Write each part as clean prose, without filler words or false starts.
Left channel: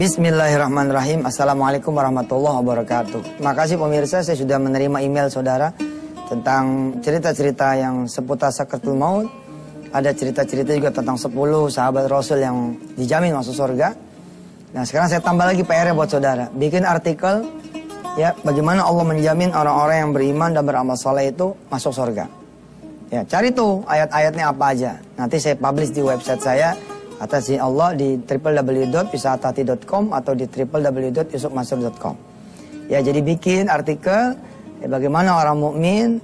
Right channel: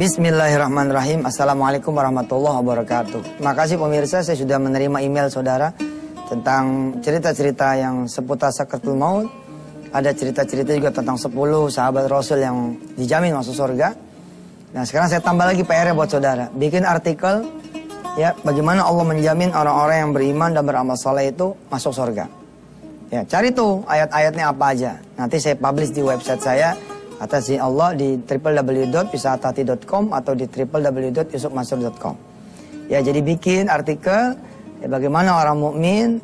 Bismillahirrahmanirrahim. Assalamualaikum warahmatullahi wabarakatuh. Makasih pemirsa, saya sudah menerima email saudara tentang cerita-cerita yang seputar sakaratul maut. Ada cerita-cerita juga tentang 10 sahabat Rasul yang dijamin masuk surga. Nah, sekarang saya tambah lagi PR buat saudara. Bikin artikel ya, bagaimana Allah menjamin orang-orang yang beriman dan beramal soleh itu masuk surga. Ya, cari tuh ayat-ayatnya apa aja. Nanti saya publish di website saya atas izin Allah di www.wisatati.com atau di www.yusufmansur.com. Ya, jadi bikin artikel ya, bagaimana orang mukmin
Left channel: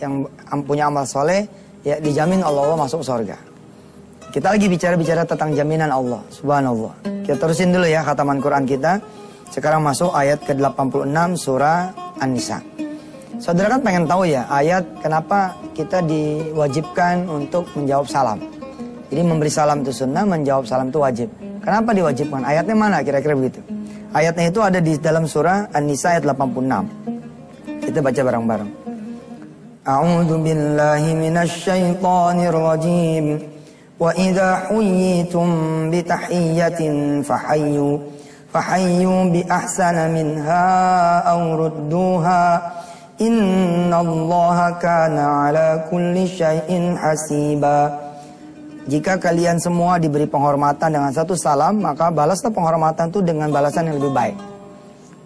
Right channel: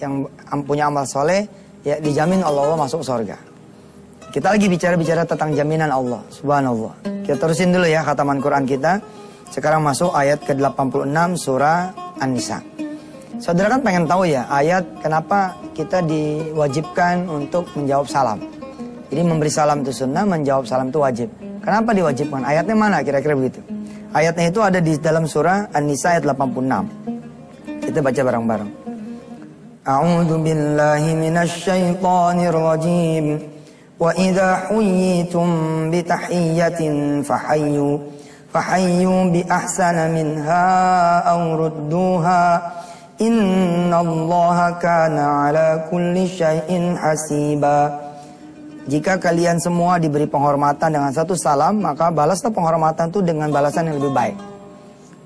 yang punya amal soleh ya dijamin Allah masuk surga. Kita lagi bicara tentang jaminan Allah. Subhanallah. Kita terusin dulu ya khataman Quran kita. Sekarang masuk ayat ke-86 surah An-Nisa. Saudara kan pengen tahu ya ayat kenapa kita diwajibkan untuk menjawab salam. Jadi memberi salam itu sunnah, menjawab salam itu wajib. Kenapa diwajibkan? Ayatnya mana kira-kira begitu? Ayatnya itu ada di dalam surah An-Nisa ayat 86. Kita baca bareng-bareng. A'udzu billahi minasy syaithanir rajim. Wa idza huyyitum bi tahiyyatin fahayyu bi ahsana minha aw rudduha. Innallaha kana ala kulli syai'in hasiba. Jika kalian semua diberi penghormatan dengan satu salam, maka balaslah penghormatan itu dengan balasan yang lebih baik.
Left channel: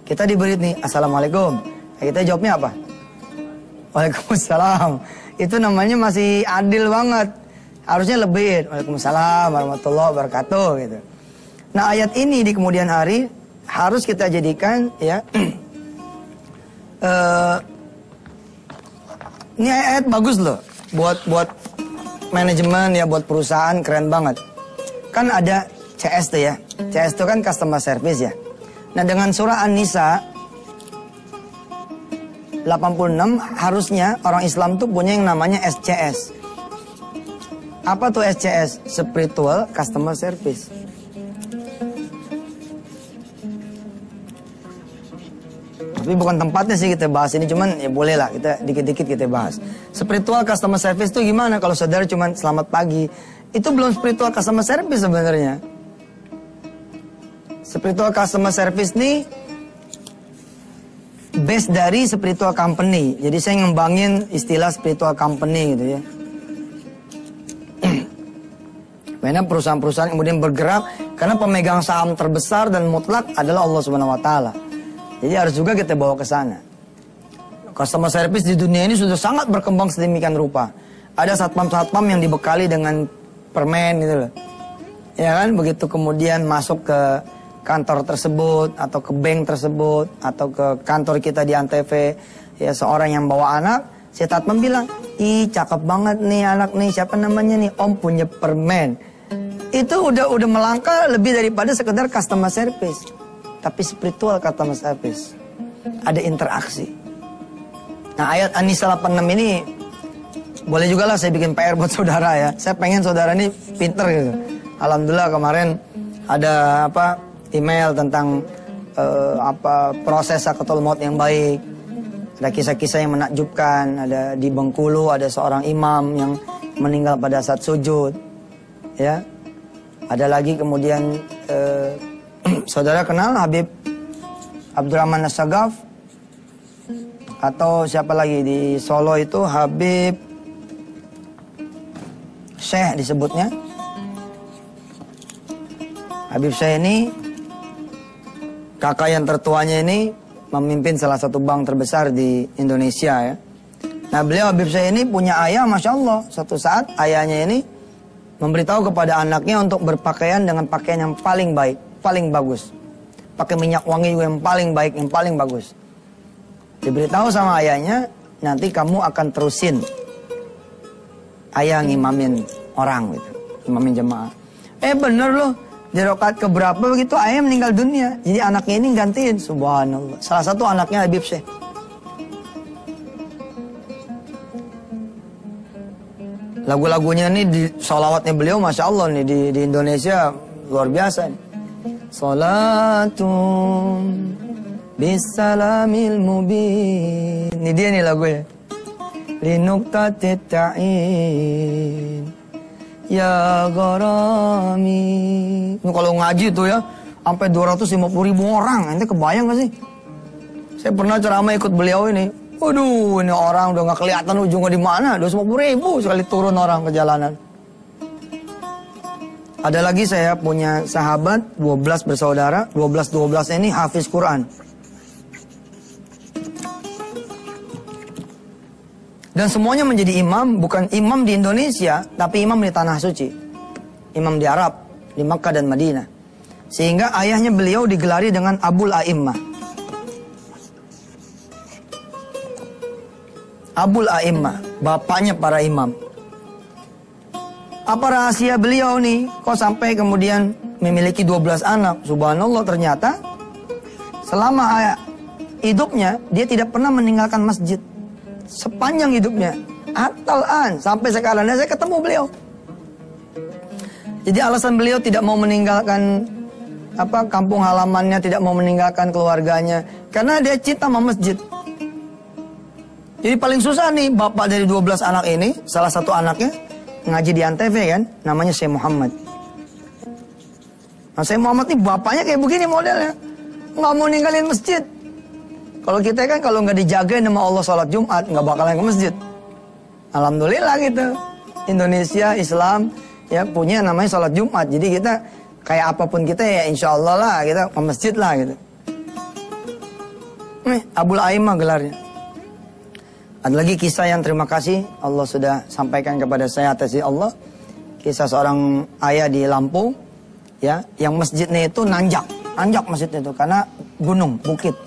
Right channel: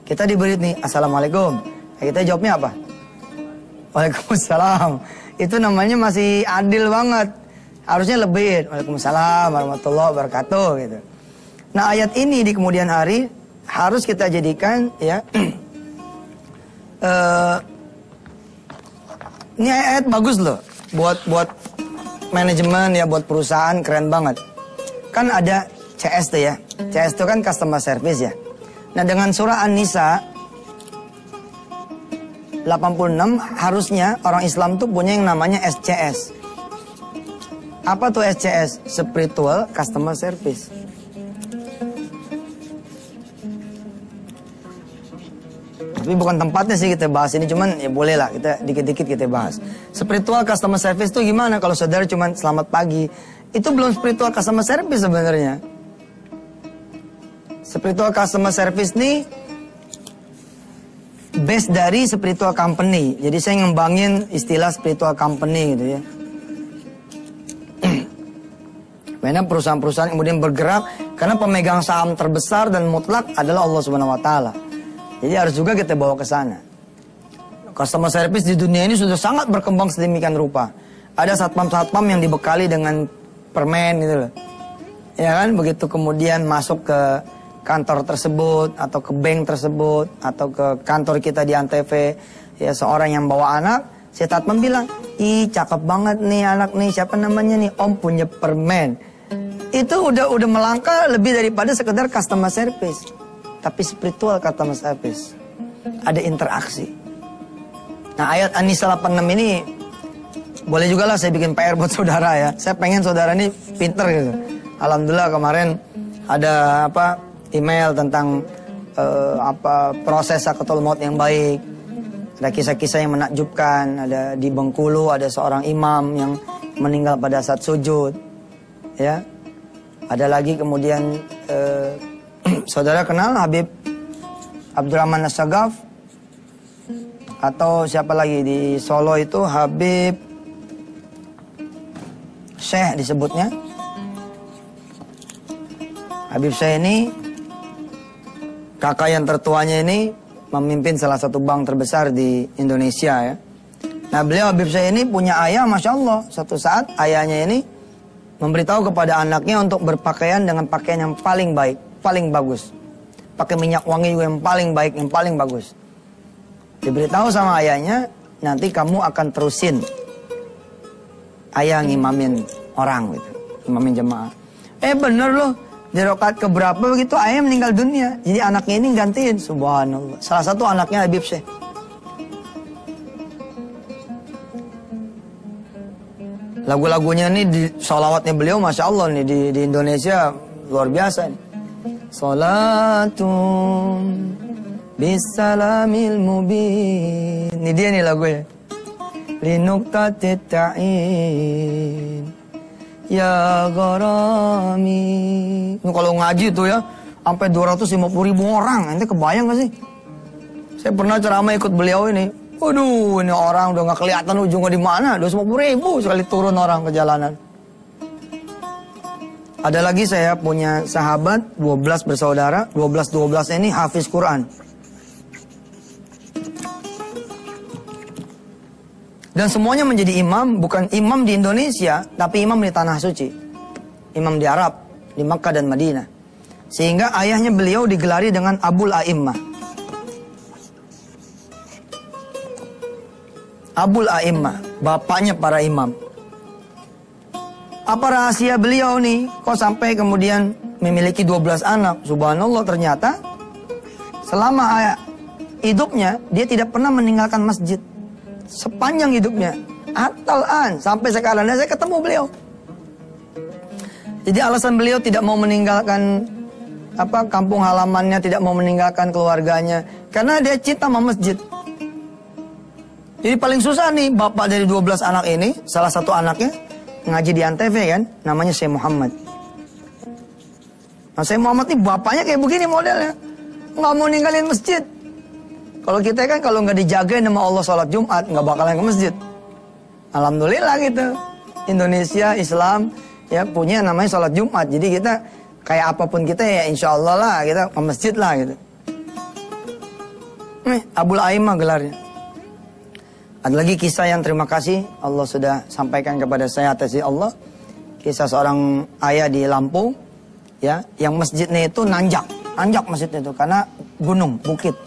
Kita diberi nih, Assalamualaikum. Nah, kita jawabnya apa? Waalaikumsalam. Itu namanya masih adil banget. Harusnya lebih. Waalaikumsalam warahmatullahi wabarakatuh gitu. Nah, ayat ini di kemudian hari harus kita jadikan ya. Ini ayat bagus loh buat manajemen ya, buat perusahaan keren banget. Kan ada CS tuh ya. CS itu kan customer service ya. Nah, dengan surah An-Nisa 86 harusnya orang Islam tuh punya yang namanya SCS. Apa tuh SCS? Spiritual Customer Service. Tapi bukan tempatnya sih kita bahas ini, cuman ya boleh lah kita dikit-dikit kita bahas. Spiritual customer service itu gimana kalau saudara cuman selamat pagi? Itu belum spiritual customer service sebenarnya. Spiritual customer service ini base dari spiritual company. Jadi saya ngembangin istilah spiritual company gitu ya. Karena perusahaan-perusahaan kemudian bergerak karena pemegang saham terbesar dan mutlak adalah Allah Subhanahu wa taala. Jadi harus juga kita bawa ke sana. Customer service di dunia ini sudah sangat berkembang sedemikian rupa. Ada satpam-satpam yang dibekali dengan permen gitu loh. Ya kan, begitu kemudian masuk ke kantor tersebut atau ke bank tersebut atau ke kantor kita di Antv, ya seorang yang bawa anak, si satpam bilang, "Ih, cakep banget nih anak nih, siapa namanya nih? Om punya permen." Itu udah melangkah lebih daripada sekedar customer service. Tapi spiritual customer service. Ada interaksi. Nah, ayat An-Nisa 86 ini boleh juga lah saya bikin PR buat saudara ya. Saya pengen saudara ini pinter gitu. Alhamdulillah kemarin ada email tentang proses sakaratul maut yang baik. Ada kisah-kisah yang menakjubkan. Ada di Bengkulu ada seorang imam yang meninggal pada saat sujud. Ya. Ada lagi kemudian saudara kenal Habib Abdurrahman As-Sagaf? Atau siapa lagi di Solo itu Habib Syekh disebutnya. Habib Syekh ini kakak yang tertuanya ini memimpin salah satu bank terbesar di Indonesia ya. Nah, beliau Habib Syekh ini punya ayah, Masya Allah. Suatu saat ayahnya ini memberitahu kepada anaknya untuk berpakaian dengan pakaian yang paling baik, paling bagus. Pakai minyak wangi yang paling baik, yang paling bagus. Diberitahu sama ayahnya, nanti kamu akan terusin ayah ngimamin orang gitu, ngimamin jemaah. Bener loh, di rakaat keberapa begitu ayah meninggal dunia. Jadi anaknya ini gantiin, subhanallah. Salah satu anaknya Habib Syekh. Lagu-lagunya ini di sholawatnya beliau, Masya Allah nih di Indonesia luar biasa nih. Salatum bisalamil mubin. Ini dia nih lagunya. Linukatit ta'in ya gharami. Ini kalau ngaji tuh ya, sampai 250.000 orang. Ente kebayang gak sih? Saya pernah ceramah ikut beliau ini. Waduh, ini orang udah gak kelihatan ujungnya di mana. 250.000 sekali turun orang ke jalanan. Ada lagi saya punya sahabat 12 bersaudara. 12 ini hafiz Quran. Dan semuanya menjadi imam, bukan imam di Indonesia, tapi imam di Tanah Suci. Imam di Arab, di Makkah dan Madinah. Sehingga ayahnya beliau digelari dengan Abul A'immah. Abul A'immah, bapaknya para imam. Apa rahasia beliau nih? Kok sampai kemudian memiliki 12 anak? Subhanallah, ternyata selama hidupnya dia tidak pernah meninggalkan masjid. Sepanjang hidupnya, atalan sampai sekarang saya ketemu beliau. Jadi alasan beliau tidak mau meninggalkan kampung halamannya, tidak mau meninggalkan keluarganya, karena dia cinta sama masjid. Jadi paling susah nih bapak dari 12 anak ini, salah satu anaknya ngaji di Antv kan, namanya Syekh Muhammad. Nah, Syekh Muhammad nih bapaknya kayak begini modelnya, nggak mau ninggalin masjid. Kalau kita kan kalau nggak dijagain sama Allah sholat Jumat, nggak bakalan ke masjid. Alhamdulillah gitu. Indonesia, Islam, ya punya namanya sholat Jumat. Jadi kita kayak apapun kita ya insya Allah lah, kita ke masjid lah gitu. Abul A'immah gelarnya. Ada lagi kisah yang terima kasih Allah sudah sampaikan kepada saya atas Allah. Kisah seorang ayah di Lampung, ya, yang masjidnya itu nanjak masjidnya itu karena gunung, bukit.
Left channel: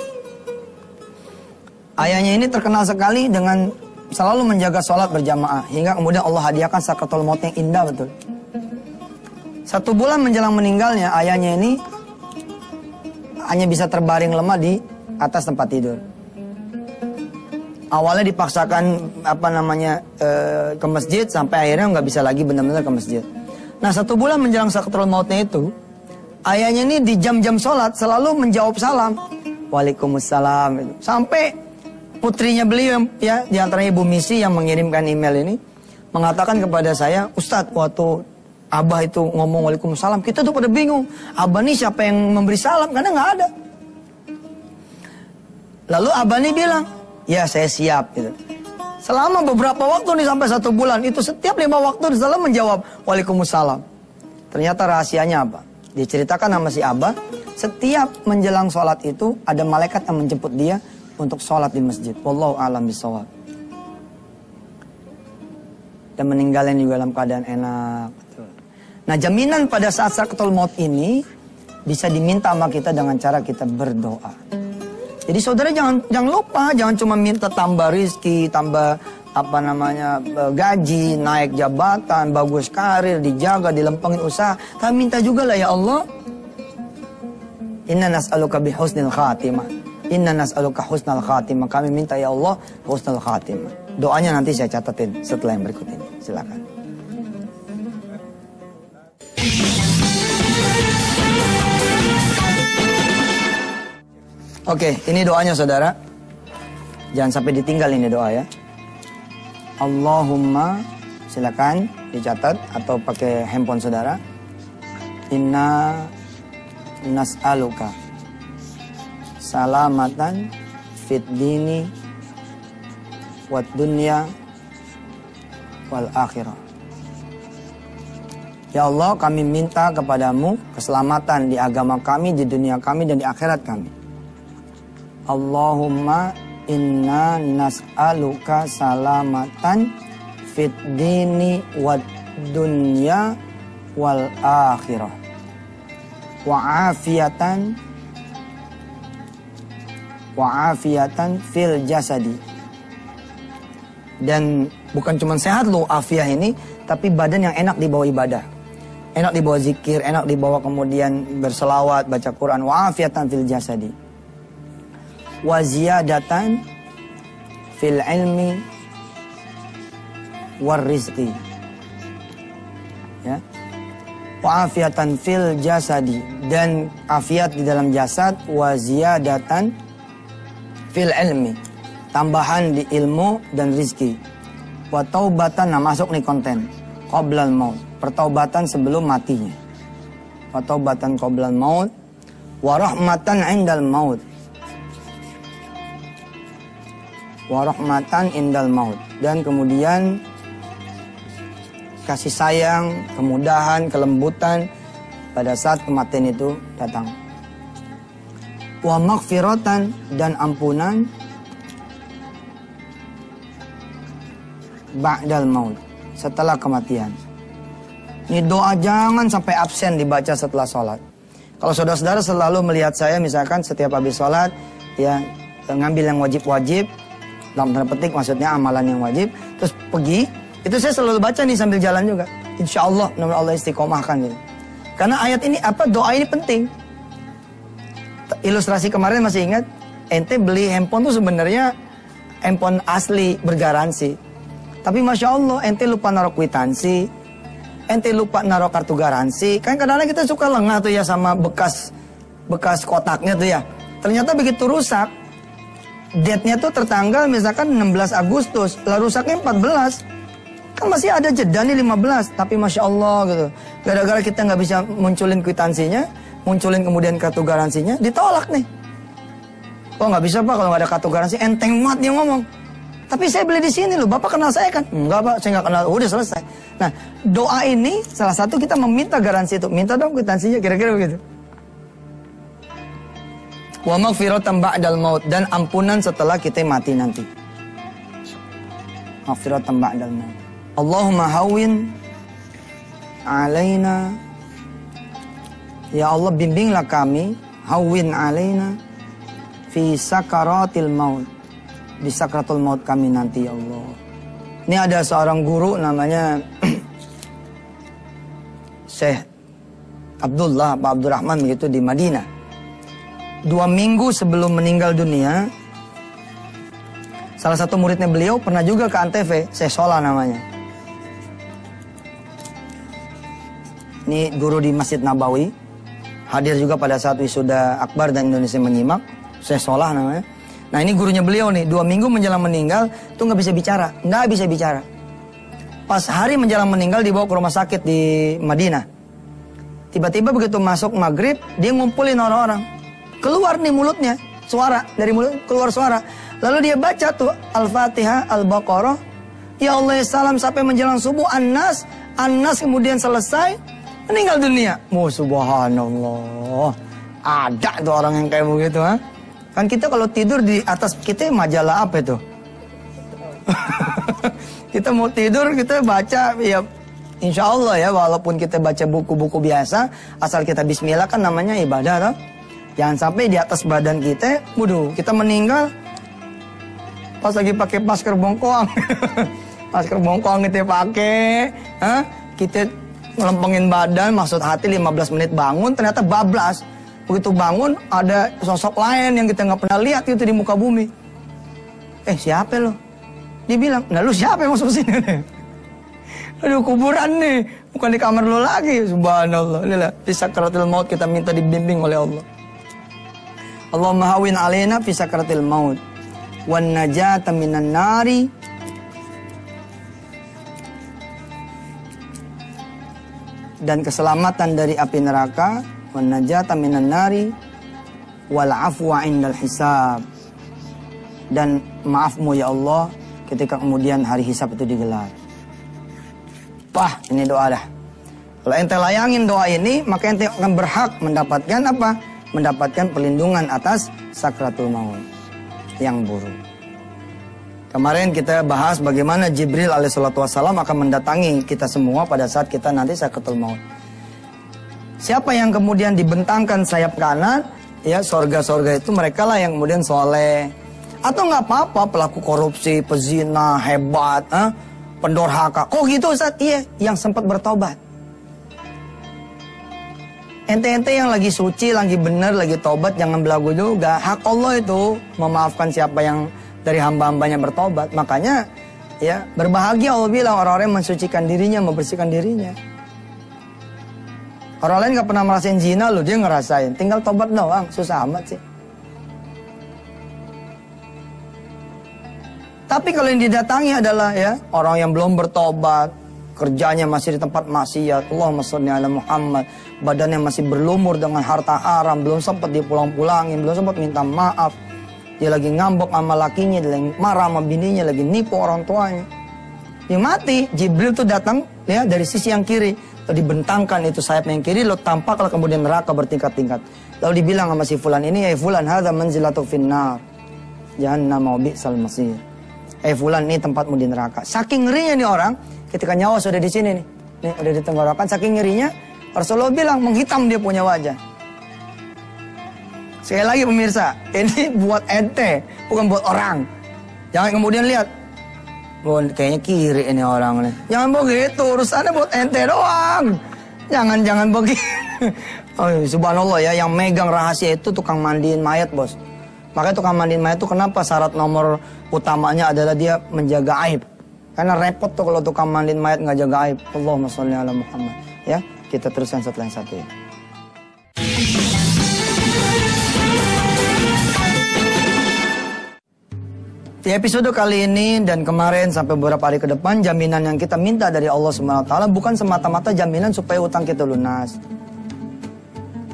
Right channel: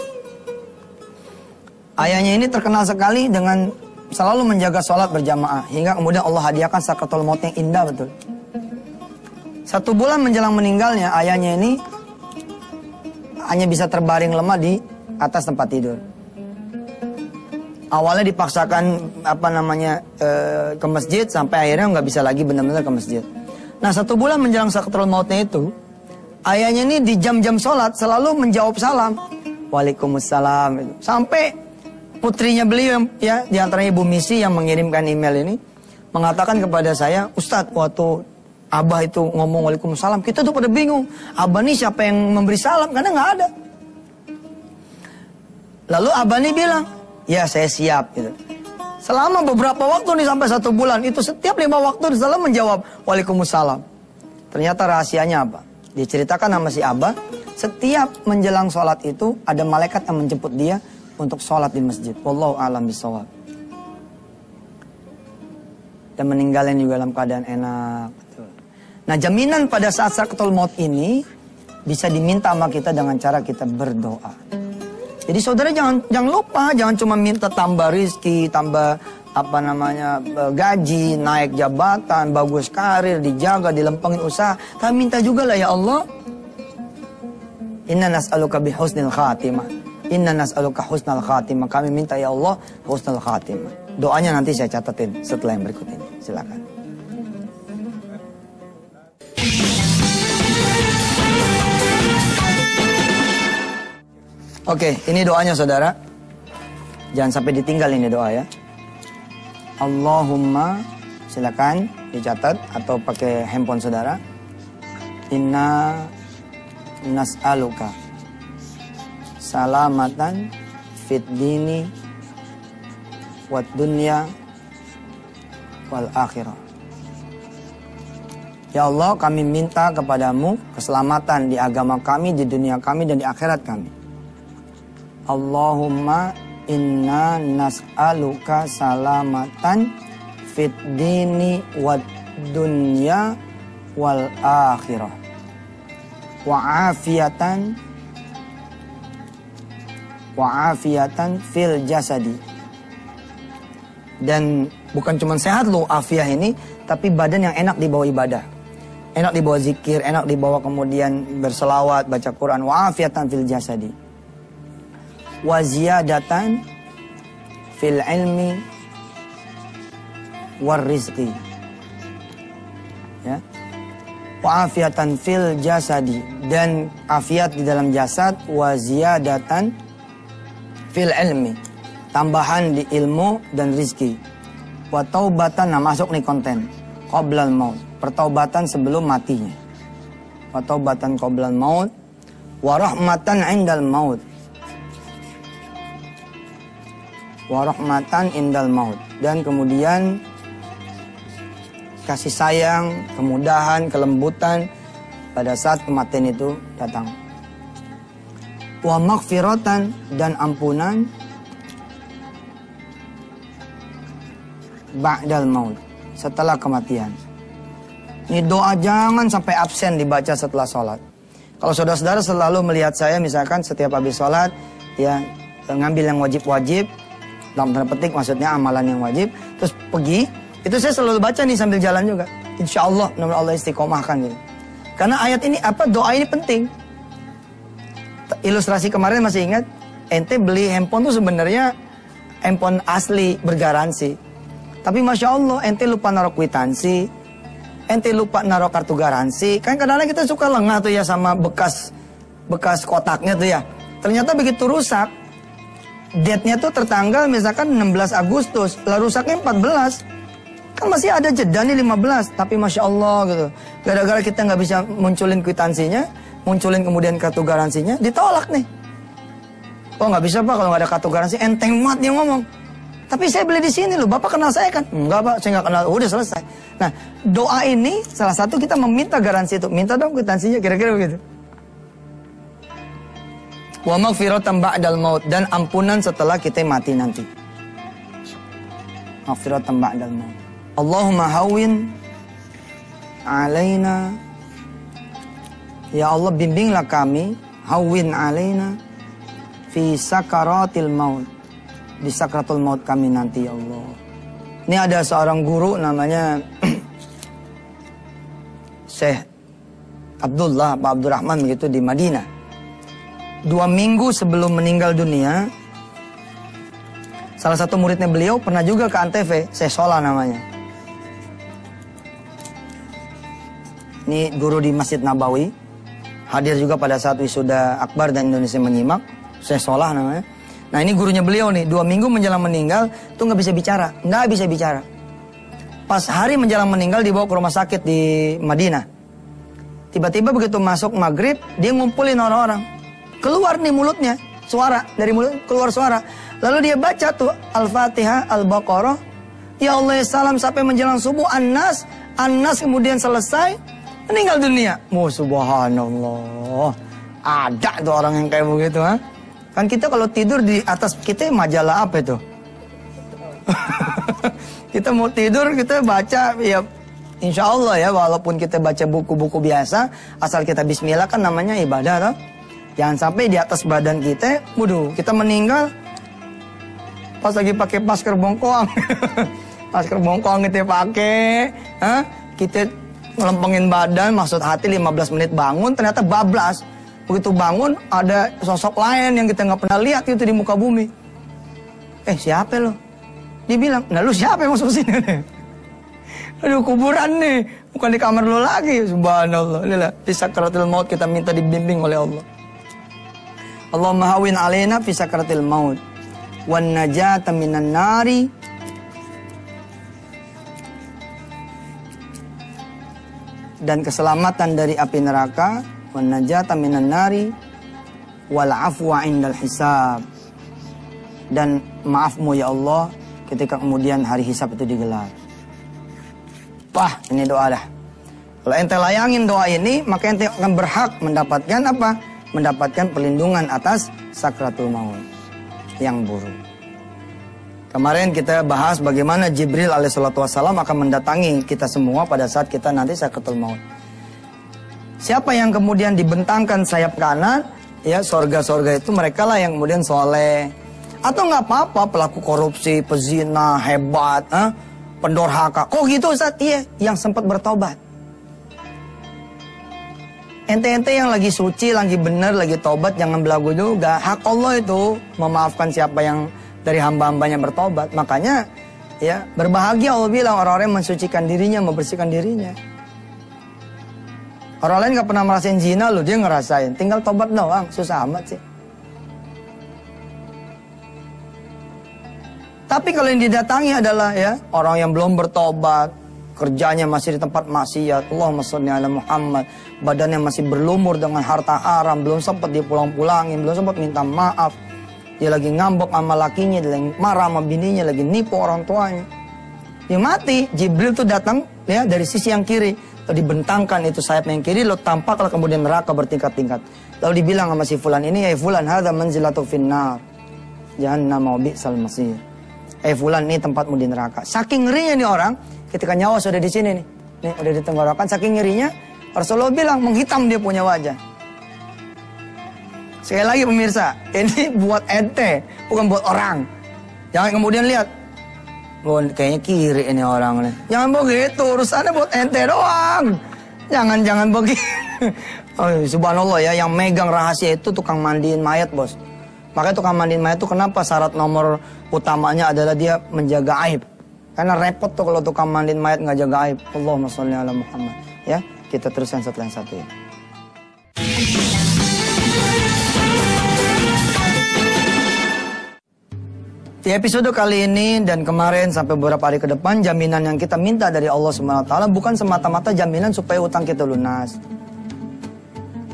Ayahnya ini terkenal sekali dengan selalu menjaga sholat berjamaah. Hingga kemudian Allah hadiahkan sakratul maut yang indah betul. 1 bulan menjelang meninggalnya, ayahnya ini hanya bisa terbaring lemah di atas tempat tidur. Awalnya dipaksakan ke masjid, sampai akhirnya nggak bisa lagi benar-benar ke masjid. Nah 1 bulan menjelang sakratul mautnya itu, ayahnya ini di jam-jam sholat selalu menjawab salam. Waalaikumsalam. Sampai putrinya beliau, ya, di antaranya Ibu Misi yang mengirimkan email ini, mengatakan kepada saya, Ustadz, waktu Abah itu ngomong Waalaikumsalam, kita tuh pada bingung. Abah nih siapa yang memberi salam? Karena nggak ada. Lalu Abah nih bilang, ya saya siap. Gitu. Selama beberapa waktu nih sampai 1 bulan, itu setiap 5 waktu selalu menjawab Waalaikumsalam. Ternyata rahasianya apa? Diceritakan sama si Abah, setiap menjelang sholat itu ada malaikat yang menjemput dia untuk sholat di masjid. Wallahu a'lam bishawab. Dan meninggalnya juga dalam keadaan enak. Nah, jaminan pada saat sakratul maut ini bisa diminta sama kita dengan cara kita berdoa. Jadi saudara jangan lupa, jangan cuma minta tambah rizki, tambah gaji, naik jabatan, bagus karir, dijaga, dilempengin usaha. Tapi minta juga lah ya Allah. Inna nas'aluka bihusnil khatimah. Inna nas'aluka husnal khatimah. Kami minta ya Allah husnal khatimah. Doanya nanti saya catatin setelah yang berikut ini. Silakan. Oke, ini doanya saudara. Jangan sampai ditinggal ini doa ya. Allahumma, silakan dicatat atau pakai handphone saudara. Inna nas'aluka salamatan fit dini wad dunya wal akhirah. Ya Allah, kami minta kepadamu keselamatan di agama kami, di dunia kami, dan di akhirat kami. Allahumma inna nas'aluka salamatan fit dini wad dunya wal akhirah. Wa afiatan fil jasadi. Dan bukan cuma sehat loh afiah ini, tapi badan yang enak dibawa ibadah, enak dibawa zikir, enak dibawa kemudian berselawat, baca Quran. Wa afiatan fil jasadi, wa ziyadatan fil ilmi war rizqi. Ya, wa afiatan fil jasadi, dan afiat di dalam jasad, wa ziyadatan fil ilmi, tambahan di ilmu dan rizki. Wa taubatan, nah masuk nih konten, qoblal maut, pertaubatan sebelum matinya. Wa taubatan qoblal maut, wa rahmatan 'indal maut. Wa rahmatan indal maut. Dan kemudian kasih sayang, kemudahan, kelembutan pada saat kematian itu datang. Wa maghfiratan, dan ampunan ba'dal maut, setelah kematian. Ini doa jangan sampai absen dibaca setelah sholat. Kalau saudara-saudara selalu melihat saya misalkan setiap habis sholat, ya ngambil yang wajib-wajib, dalam tanda petik maksudnya amalan yang wajib, terus pergi, itu saya selalu baca nih sambil jalan juga. Insya Allah, nama Allah istiqomahkan gitu. Karena ayat ini, doa ini penting. Ilustrasi kemarin masih ingat, ente beli handphone tuh sebenarnya handphone asli, bergaransi. Tapi Masya Allah, ente lupa naruh kwitansi, ente lupa naruh kartu garansi. Kan kadang-kadang kita suka lengah tuh ya sama bekas kotaknya tuh ya. Ternyata begitu rusak, date-nya tuh tertanggal misalkan 16 Agustus, lah rusaknya 14. Kan masih ada jeda nih 15, tapi Masya Allah gitu. Gara-gara kita nggak bisa munculin kwitansinya, munculin kemudian kartu garansinya, ditolak nih. Oh nggak bisa Pak kalau nggak ada kartu garansi, enteng banget dia ngomong. Tapi saya beli di sini loh, Bapak kenal saya kan? Enggak Pak, saya nggak kenal, udah selesai. Nah doa ini salah satu kita meminta garansi itu, minta dong kwitansinya, kira-kira begitu. Wa maghfiratan ba'dal maut, dan ampunan setelah kita mati nanti. Maghfiratan ba'dal maut. Allahumma hawwin alaina, ya Allah bimbinglah kami, hawwin alaina fi sakaratil maut, di sakratul maut kami nanti ya Allah. Ini ada seorang guru namanya Syekh Abdullah Pak Abdurrahman begitu di Madinah. 2 minggu sebelum meninggal dunia, salah satu muridnya beliau pernah juga ke Antv, Syekh Solah namanya. Ini guru di Masjid Nabawi, hadir juga pada saat wisuda akbar dan Indonesia menyimak, Syekh Solah namanya. Nah ini gurunya beliau nih, 2 minggu menjelang meninggal, tuh nggak bisa bicara. Pas hari menjelang meninggal dibawa ke rumah sakit di Madinah. Tiba-tiba begitu masuk maghrib, dia ngumpulin orang-orang. Keluar nih mulutnya, suara, dari mulut keluar suara. Lalu dia baca tuh Al-Fatihah, Al-Baqarah, ya Allah salam sampai menjelang subuh, An-Nas kemudian selesai, meninggal dunia. Subhanallah. Ada tuh orang yang kayak begitu, ha? Kan kita kalau tidur di atas kita majalah apa itu? Kita mau tidur, kita baca, ya insya Allah ya, walaupun kita baca buku-buku biasa, asal kita bismillah kan namanya ibadah, toh. Jangan sampai di atas badan kita, kita meninggal pas lagi pakai masker bongkoang. Masker bongkoang kita pakai, kita ngelempengin badan, maksud hati 15 menit bangun, ternyata bablas. Begitu bangun, ada sosok lain yang kita nggak pernah lihat itu di muka bumi. Siapa lo? Dia bilang, nah lu siapa yang masuk sini? Aduh, kuburan nih, bukan di kamar lu lagi. Subhanallah. Inilah di sakratul maut kita minta dibimbing oleh Allah. Allahumma hawwin alaina fi sakratil maut wan najata minan nari dan keselamatan dari api neraka, wan najata minan nari wal afwa indal hisab, dan maafmu ya Allah ketika kemudian hari hisab itu digelar. Wah, ini doa dah. Kalau ente layangin doa ini, maka ente akan berhak mendapatkan apa? Mendapatkan perlindungan atas sakratul maut yang buruk. Kemarin kita bahas bagaimana Jibril alaihissalatu wassalam akan mendatangi kita semua pada saat kita nanti sakratul maut. Siapa yang kemudian dibentangkan sayap kanan, ya sorga-sorga itu mereka lah yang kemudian soleh. Atau nggak apa-apa pelaku korupsi, pezina, hebat, pendorhaka. Kok gitu Ustaz? Iya, yang sempat bertobat. Ente-ente yang lagi suci, lagi benar, lagi tobat, jangan belagu juga. Hak Allah itu memaafkan siapa yang dari hamba-hambanya bertobat. Makanya ya berbahagia Allah bilang orang-orang yang mensucikan dirinya, membersihkan dirinya. Orang lain gak pernah merasain zina loh, dia ngerasain. Tinggal tobat doang, susah amat sih. Tapi kalau yang didatangi adalah ya orang yang belum bertobat, kerjanya masih di tempat maksiat, Allahumma sholli ala Muhammad, badannya masih berlumur dengan harta haram, belum sempat dipulang-pulangin, belum sempat minta maaf. Dia lagi ngambek sama lakinya, dia lagi marah sama bininya, lagi nipu orang tuanya. Dia mati. Jibril tuh datang ya dari sisi yang kiri, dibentangkan itu sayapnya yang kiri, lo tampaklah kemudian neraka bertingkat-tingkat. Lalu dibilang sama si fulan ini, ya fulan hadza manzilatu finnar jahannam wa bi'sal masir. Fulan, ini tempatmu di neraka. Saking ngerinya nih orang, ketika nyawa sudah di sini nih, ada di tenggorokan, saking ngerinya Rasulullah bilang menghitam dia punya wajah. Sekali lagi pemirsa, ini buat ente, bukan buat orang. Jangan kemudian lihat, oh, kayaknya kiri ini orang nih. Jangan begitu, urusannya buat ente doang. Jangan begitu. Oh, subhanallah ya, yang megang rahasia itu tukang mandiin mayat, bos. Makanya tukang mandiin mayat itu kenapa syarat nomor utamanya adalah dia menjaga aib. Karena repot tuh kalau tukang mandiin mayat nggak jaga aib. Allahumma sholli ala Muhammad. Ya, kita teruskan setelah yang satu ini. Di episode kali ini dan kemarin sampai beberapa hari ke depan, jaminan yang kita minta dari Allah SWT bukan semata-mata jaminan supaya utang kita lunas.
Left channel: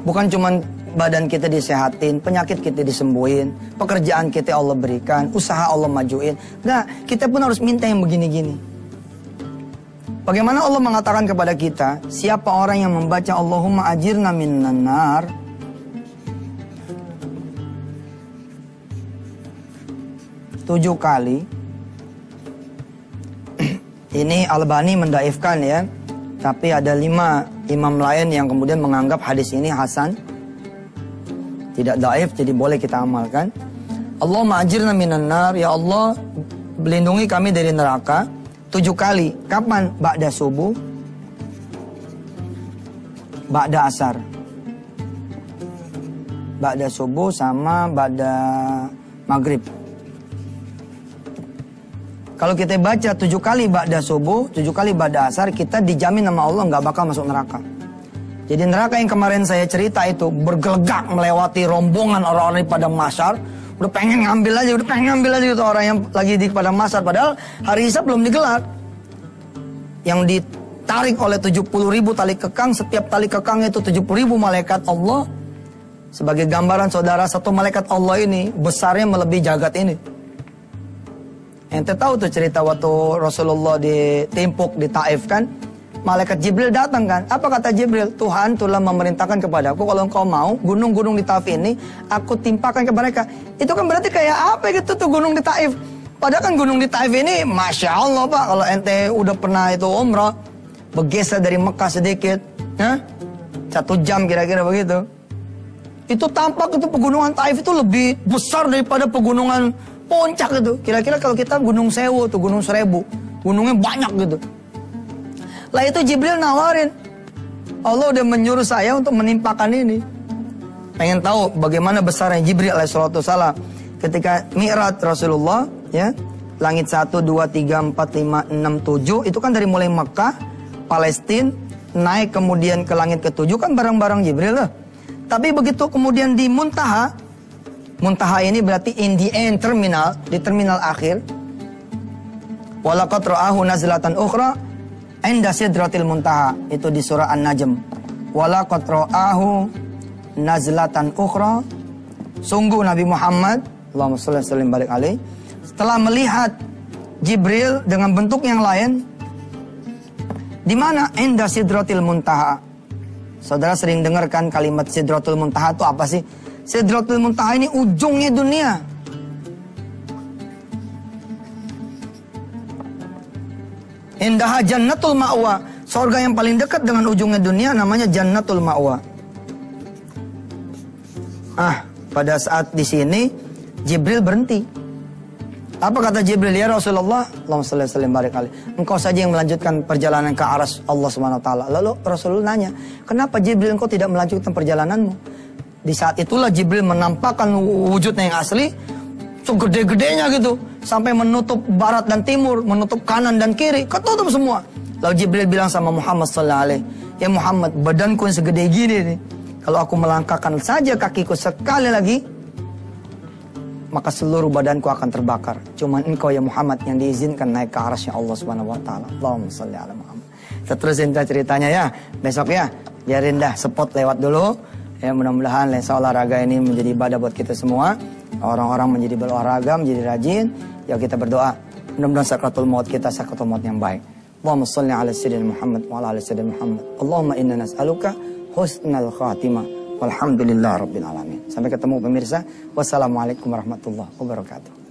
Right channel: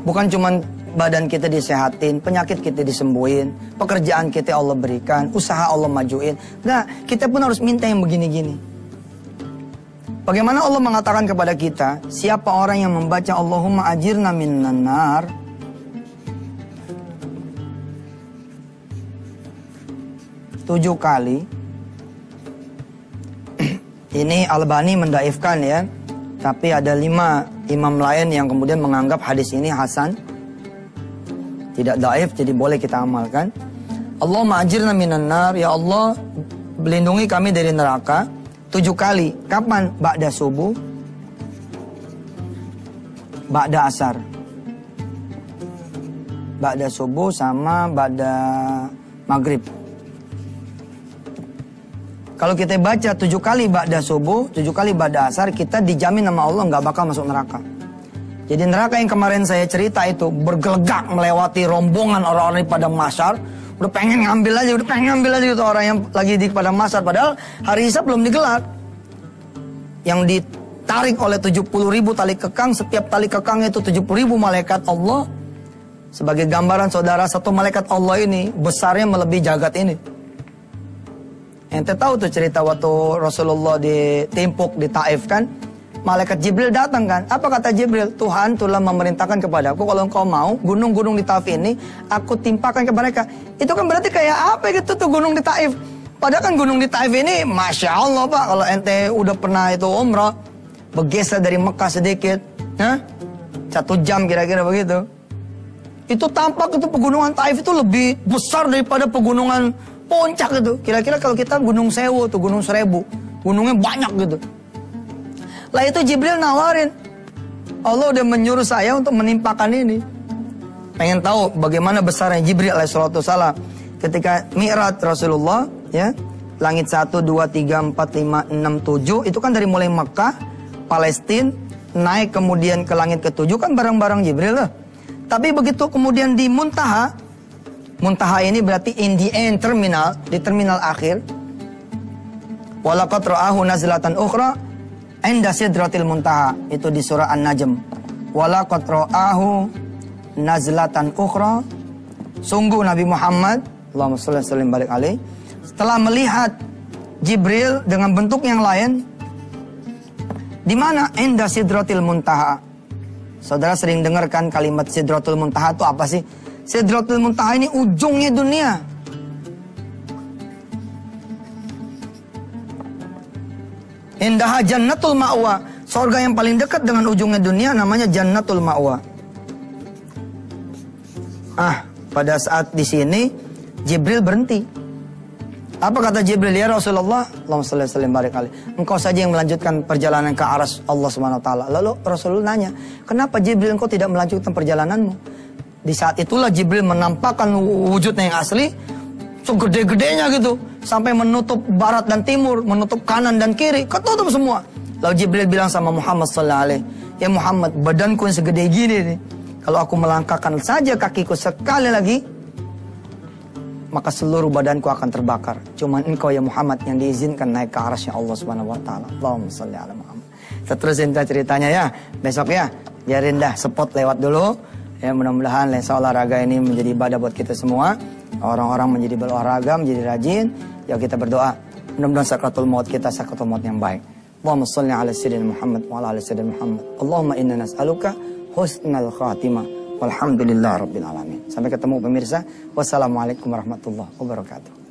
Bukan cuma badan kita disehatin, penyakit kita disembuhin, pekerjaan kita Allah berikan, usaha Allah majuin. Nah, kita pun harus minta yang begini-gini. Bagaimana Allah mengatakan kepada kita, siapa orang yang membaca Allahumma ajirna minan nar, tujuh kali. Ini Albani mendaifkan ya, tapi ada 5 imam lain yang kemudian menganggap hadis ini hasan, tidak daif, jadi boleh kita amalkan. Allahumma ajirna minan nar, ya Allah melindungi kami dari neraka 7 kali. Kapan? Ba'da subuh, ba'da asar. Ba'da subuh sama ba'da maghrib. Kalau kita baca 7 kali ba'da subuh, 7 kali ba'da asar, kita dijamin sama Allah nggak bakal masuk neraka. Jadi neraka yang kemarin saya cerita itu bergelegak melewati rombongan orang-orang di padang mahsyar, udah pengen ngambil aja itu orang yang lagi di padang mahsyar, padahal hari Hisab belum digelar. Yang ditarik oleh 70.000 tali kekang, setiap tali kekang itu 70.000 malaikat Allah. Sebagai gambaran saudara, satu malaikat Allah ini besarnya melebihi jagat ini. Ente tahu tuh cerita waktu Rasulullah ditimpuk di Taif kan? Malaikat Jibril datang kan? Apa kata Jibril? Tuhan telah memerintahkan kepadaku kalau engkau mau gunung-gunung di Taif ini aku timpakan ke mereka. Itu kan berarti kayak apa gitu tuh gunung di Taif? Padahal kan gunung di Taif ini Masya Allah Pak, kalau ente udah pernah itu umrah, bergeser dari Mekah sedikit, 1 jam kira-kira begitu. Itu tampak itu pegunungan Taif itu lebih besar daripada pegunungan Puncak itu. Kira-kira kalau kita Gunung Sewu tuh, Gunung Seribu, gunungnya banyak gitu. Lah itu Jibril nawarin, Allah udah menyuruh saya untuk menimpakan ini. Pengen tahu bagaimana besarnya Jibril alaihissalam ketika Mi'raj Rasulullah ya, langit 1, 2, 3, 4, 5, 6, 7 itu kan dari mulai Mekah, Palestina, naik kemudian ke langit ke-7 kan barang-barang Jibril lah. Tapi begitu kemudian di Muntaha, Muntaha ini berarti in the end terminal, di terminal akhir. Walaqad ra'ahu nazlatan ukhra 'inda sidratil muntaha, itu di surah An-Najm. Walaqad ra'ahu nazlatan ukhra, sungguh Nabi Muhammad Allahumma shalli wa sallim barik alaih setelah melihat Jibril dengan bentuk yang lain. Di mana? Inda sidratil muntaha. Saudara sering dengarkan kalimat sidratul muntaha itu apa sih? Sidratul muntaha ini ujungnya dunia. Indaha jannatul ma'wa, surga yang paling dekat dengan ujungnya dunia namanya jannatul ma'wa. Pada saat di sini Jibril berhenti. Apa kata Jibril? Ya Rasulullah, Allahumma shalli wa sallim barik alaih, engkau saja yang melanjutkan perjalanan ke aras Allah Subhanahu wa taala. Lalu Rasulullah nanya, kenapa Jibril engkau tidak melanjutkan perjalananmu? Di saat itulah Jibril menampakkan wujudnya yang asli, segede-gedenya gitu, sampai menutup barat dan timur, menutup kanan dan kiri, ketutup semua. Lalu Jibril bilang sama Muhammad sallallahu alaihi, ya Muhammad, badanku yang segede gini nih, kalau aku melangkahkan saja kakiku sekali lagi, maka seluruh badanku akan terbakar. Cuman engkau ya Muhammad yang diizinkan naik ke arasnya Allah Subhanahu wa taala. Allahumma shalli ala Muhammad. Kita terusin ceritanya ya. Besok ya. Biarin dah spot lewat dulu. Ya mudah-mudahan lensa olahraga ini menjadi ibadah buat kita semua. Orang-orang menjadi berolahraga, menjadi rajin. Ya kita berdoa. Mudah-mudahan sakratul maut kita sakratul maut yang baik. Allahumma shalli ala sayyidina Muhammad wa ala ali sayyidina Muhammad. Allahumma inna nas'aluka husnal khatimah. Walhamdulillah rabbil alamin. Sampai ketemu pemirsa. Wassalamualaikum warahmatullahi wabarakatuh.